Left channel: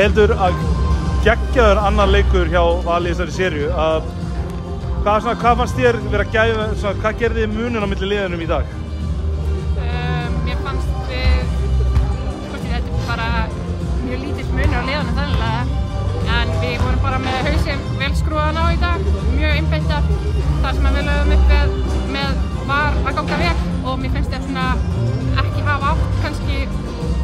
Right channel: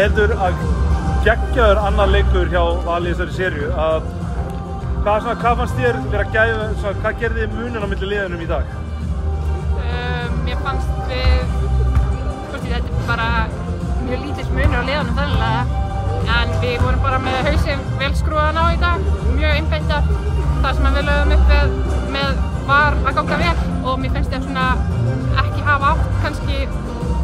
Hildur, geggjaður annar leikur hjá Vali í þessari seríu. Hvað fannst þér vera gæfa, hvað gerði þið muninn á milli liðunum í dag? Mér fannst þetta er bara mjög lítill munur á liðunum þannig en við vorum bara með hausinn vel skrúðan á í dag, mjög einbeittar. Það sem við lögum upp með var að ganga vel og mér finnst ég svona ekki hafa átt kannski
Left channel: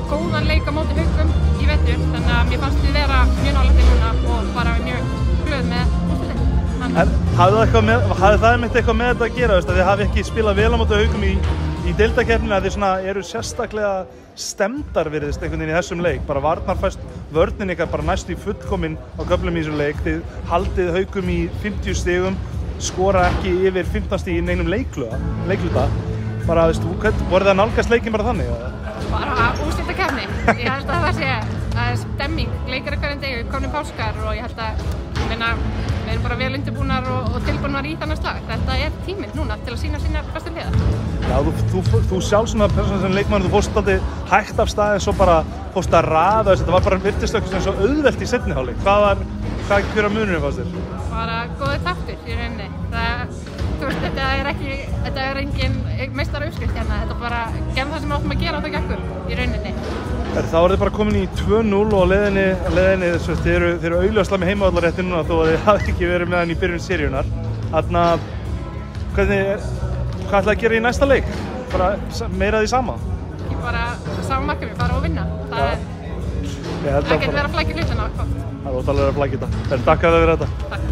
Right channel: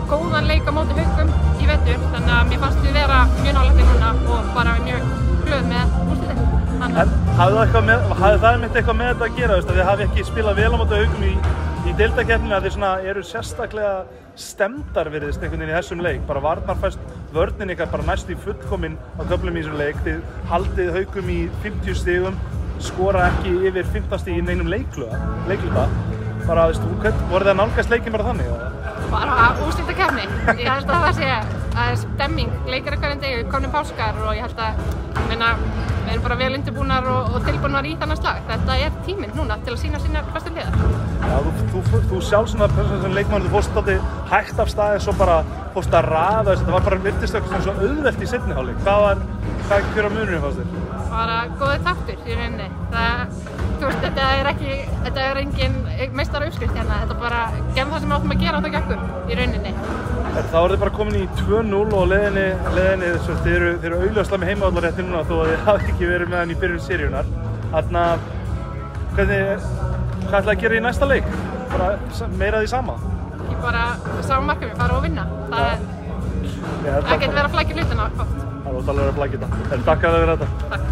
góðan leik á móti Haukum í vetur, þannig að mér fannst við vera mjög nálægt í núna og bara mjög glöð með úrslitin. Hafði það einmitt eitthvað með þetta að gera, að þið hafi ekki spilað vel á móti Haukum í deildakeppninni, að þið eru sérstaklega stemmdar virðist einhvern veginn í þessum leik, bara varnarfæst vörnin ykkar bara næstu í fullkomin á köflum í þessum leik, þið haldið Haukum í 50 stigum, skora ekki yfir 15 stig í neinum leikluta. Bara, voru það nálgast leikinn bara þannig? Bara úrslitakeppni. Ég held að það sé stemming, leikir hverjum degi, við komum páskar og ég held að við erum bara vel undirbúnar og tilbúnar í þannig slag. Þetta er tíminn núna til að sýna sínar bestu hliðar. Já, þú sjálf svona leikmaður, þú fórst alltaf hægt af stað en svo bara fórst að raða, þetta var bara virtist eitthvað svo auðvelt í seinni hálfleik. Hver munurinn fannst þér? Bara góður taktur í rauninni. Þetta er engin meistarauppskrift hérna, þetta bara gerðum það sem við áttum að gera á það gekkum í rauninni. Þá eru þið bara komin í 2-0 og leiðinni þið eru augljóslega með heimavallarrétt núna þó að þið hafði ekki verið með henni í byrjun seríunar. Hvað ætlaði að gera í næsta leik? Bara meira því sama? Ekki bara sama markmið, fara og vinna. Það er ekkert verið að flækja hlutina. Það er ótrúlega að flækja þetta. Takk fyrir þetta. Takk.